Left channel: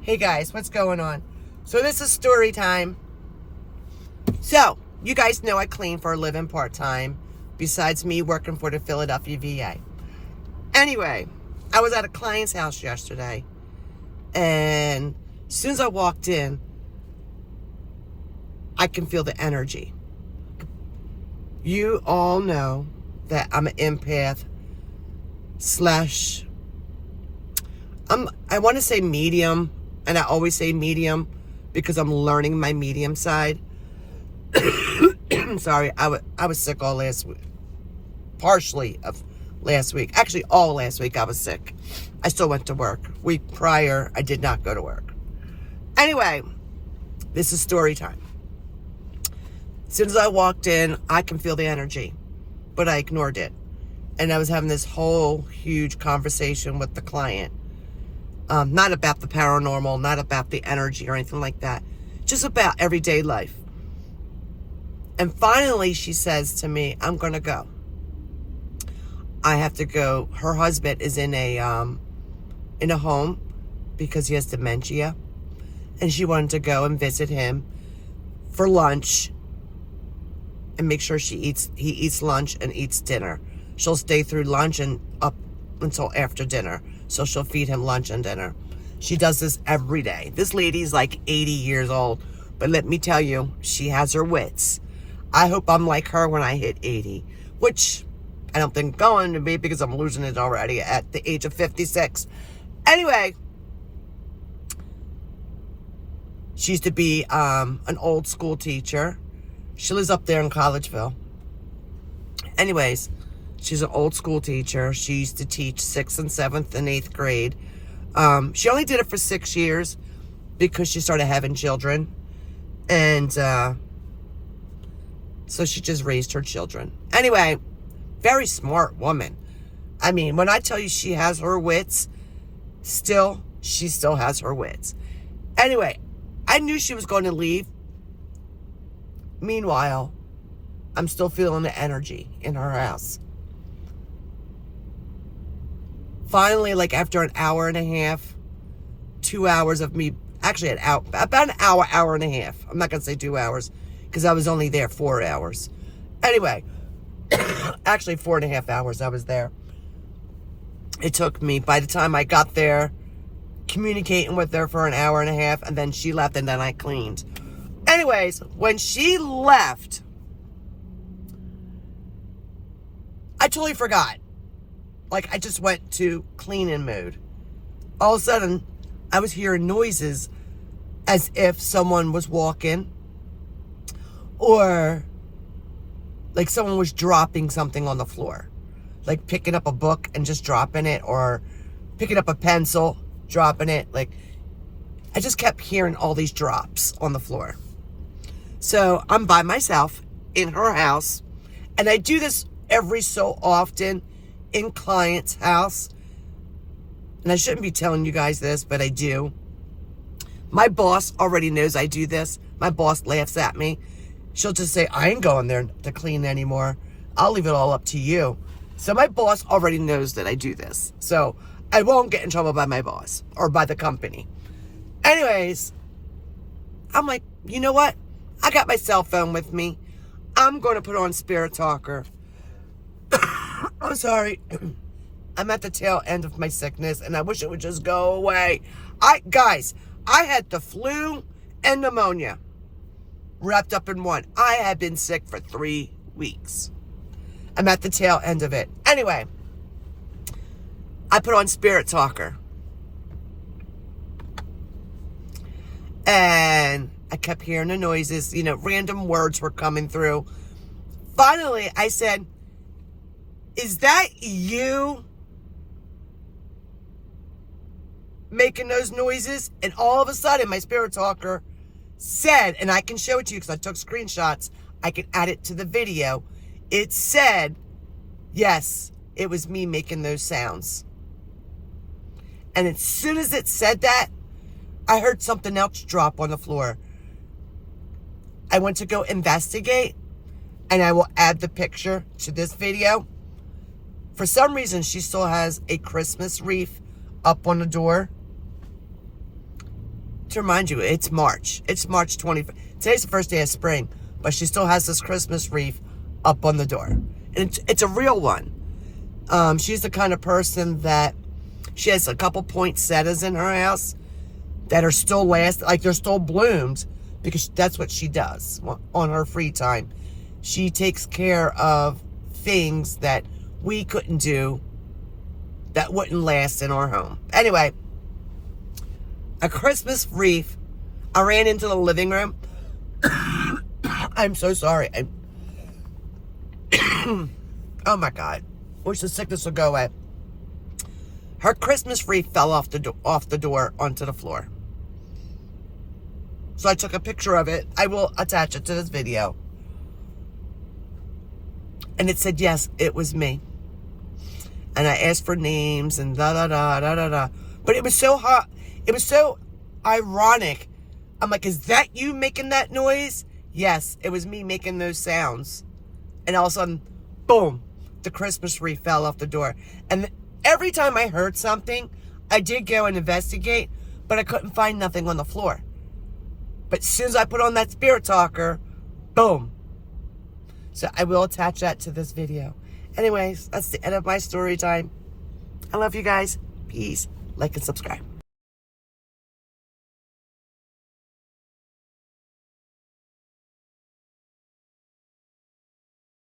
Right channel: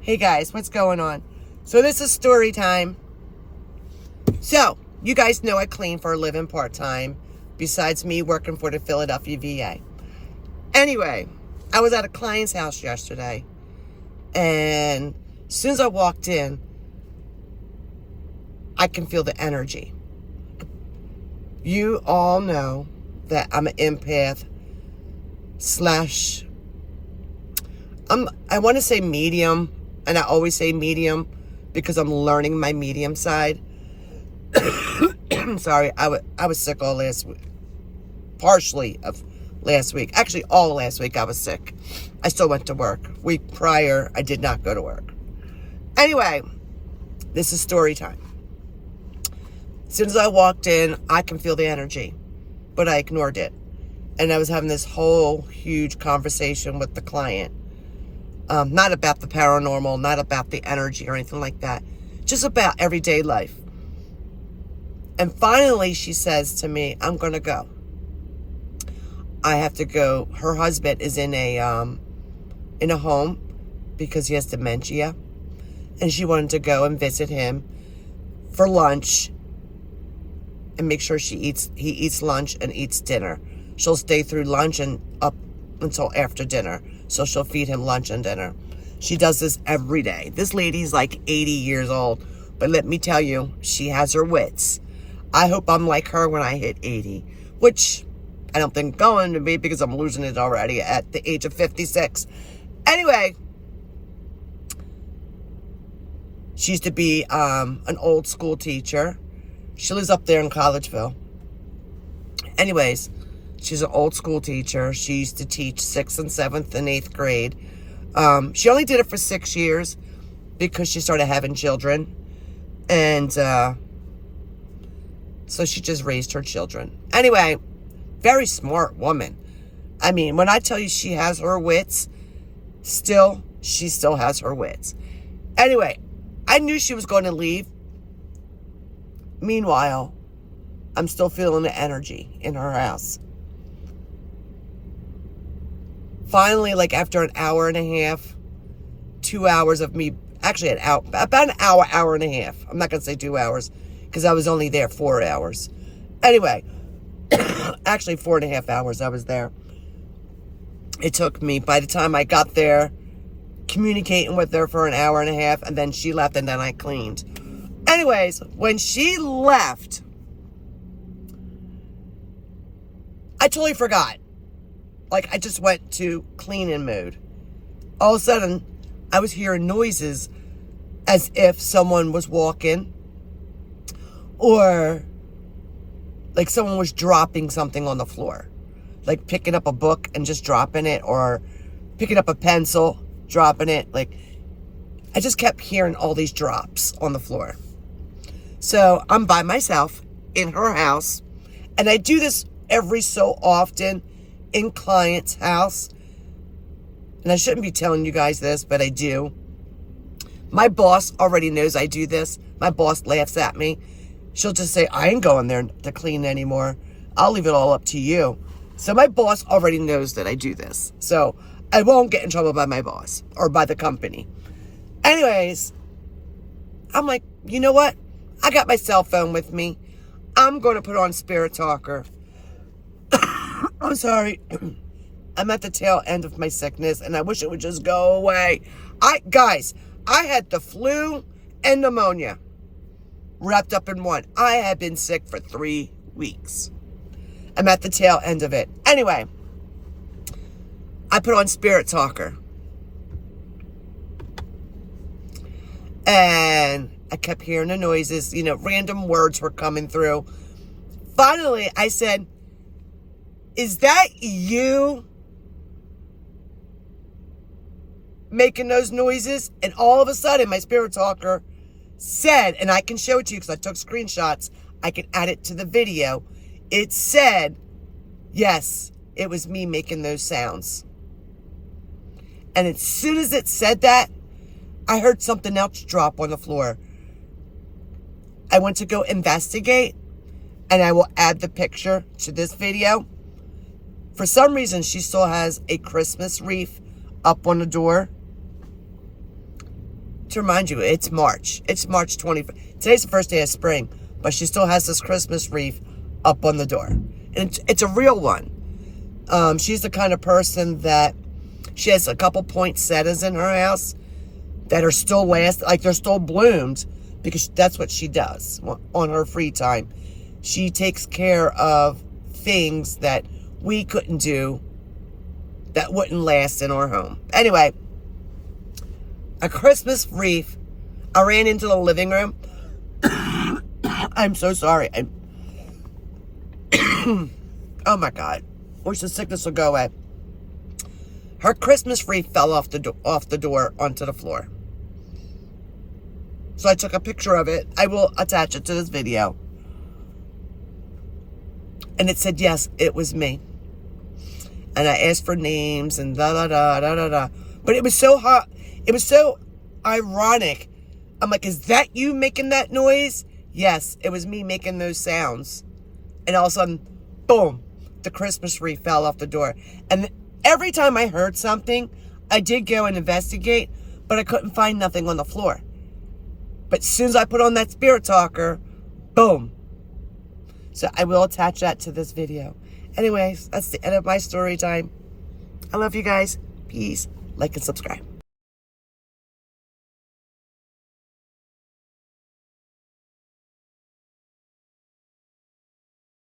Hey guys, what's going on? So this is story time. So, you guys know I clean for a living part-time, besides me working for the Philadelphia VA. Anyway, I was at a client's house yesterday, and as soon as I walked in, I can feel the energy. You all know that I'm an empath I want to say medium, and I always say medium because I'm learning my medium side. I'm sorry, I was sick all last week. Partially of last week. Actually, all last week I was sick. I still went to work. Week prior, I did not go to work. Anyway, this is story time. As soon as I walked in, I can feel the energy, but I ignored it. And I was having this whole huge conversation with the client. Not about the paranormal, not about the energy or anything like that. Just about everyday life. And finally, she says to me, I'm going to go. I have to go. Her husband is in a home because he has dementia. And she wanted to go and visit him for lunch and make sure he eats lunch and eats dinner. She'll stay through lunch and up until after dinner. So she'll feed him lunch and dinner. She does this every day. This lady's like 80 years old. But let me tell you, she has her wits. I hope I'm like her when I hit 80. Which I don't think going to be because I'm losing it already at the age of 56. Anyway. She used to be an old school teacher. She lives up there in Collegeville. Anyways, she's an old school teacher. She used to teach 6th and 7th and 8th grade. She only did it for 6 years because she started having children. And so she just raised her children. Anyway, very smart woman. I mean, when I tell you she has her wits, she still has her wits. Anyway, I knew she was going to leave. Meanwhile, I'm still feeling the energy in her house. Finally, like after an hour and a half, 2 hours of me, actually about an hour and a half. I'm not going to say 2 hours because I was only there 4 hours. Anyway, actually 4.5 hours I was there. It took me, by the time I got there, communicating with her for an hour and a half, and then she left, and then I cleaned. Anyways, when she left, I totally forgot. Like, I just went to cleaning mode. All of a sudden, I was hearing noises as if someone was walking, or like someone was dropping something on the floor. Like picking up a book and just dropping it, or picking up a pencil, dropping it. Like, I just kept hearing all these drops on the floor. So I'm by myself in her house, and I do this every so often in client's house. And I shouldn't be telling you guys this, but I do. My boss already knows I do this. My boss laughs at me. She'll just say, I ain't going there to clean anymore. I'll leave it all up to you. So my boss already knows that I do this. So I won't get in trouble by my boss or by the company. Anyways, I'm like, you know what? I got my cell phone with me. I'm going to put on Spirit Talker. I'm sorry. I'm at the tail end of my sickness, and I wish it would just go away. Guys, I had the flu and pneumonia wrapped up in one. I had been sick for 3 weeks. I'm at the tail end of it. Anyway, I put on Spirit Talker. And I kept hearing the noises. You know, random words were coming through. Finally, I said, is that you making those noises? And all of a sudden, my Spirit Talker said, and I can show it to you because I took screenshots. I can add it to the video. It said, yes, it was me making those sounds. And as soon as it said that, I heard something else drop on the floor. I went to go investigate, and I will add the picture to this video. For some reason, she still has a Christmas wreath up on the door. to remind you, it's March. It's March 25th. Today's the first day of spring, but she still has this Christmas wreath up on the door. And it's a real one. She's the kind of person that she has a couple poinsettias in her house that are still like they're still bloomed, because that's what she does on her free time. She takes care of things that we couldn't do, that wouldn't last in our home. Anyway, a Christmas wreath. I ran into the living room. I'm so sorry. Oh my God. Wish the sickness would go away. Her Christmas wreath fell off the door onto the floor. So I took a picture of it. I will attach it to this video. And it said, yes, it was me. And I asked for names and da-da-da. But it was so hot. It was so ironic. I'm like, is that you making that noise? Yes, it was me making those sounds. And all of a sudden, boom, the Christmas wreath fell off the door. And every time I heard something, I did go and investigate, but I couldn't find nothing on the floor. But as soon as I put on that Spirit Talker, boom. So I will attach that to this video. Anyways, that's the end of my story time. I love you guys. Peace. Like and subscribe.